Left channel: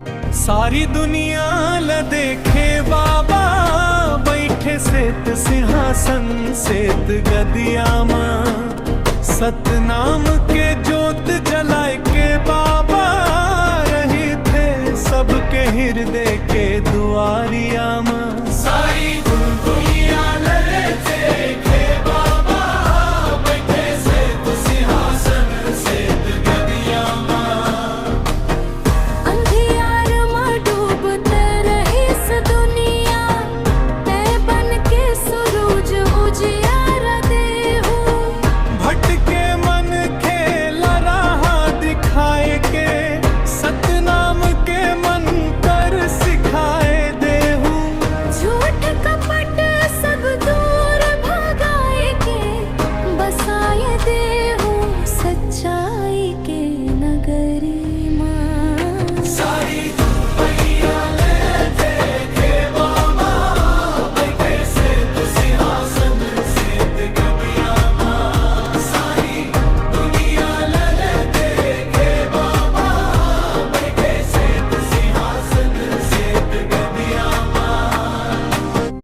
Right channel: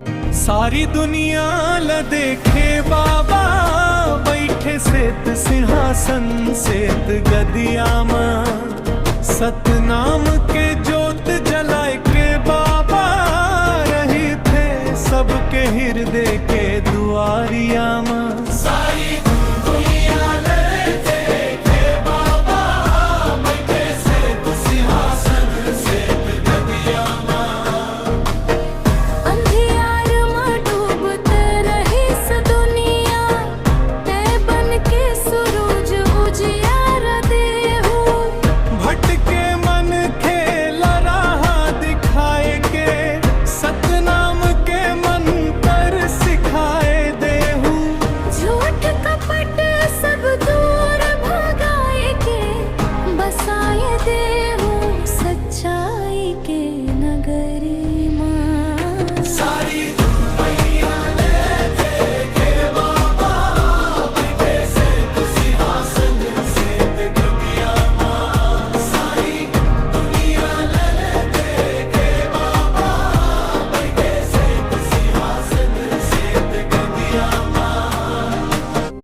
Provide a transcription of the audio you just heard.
सारी दुनिया ल देखे बाबा बैठे सेत सिंहासन सेत गदिया में। सतनाम के जोत जलाए के बाबा रही थे सबके हृदय के दुआरिया में। सारी दुनिया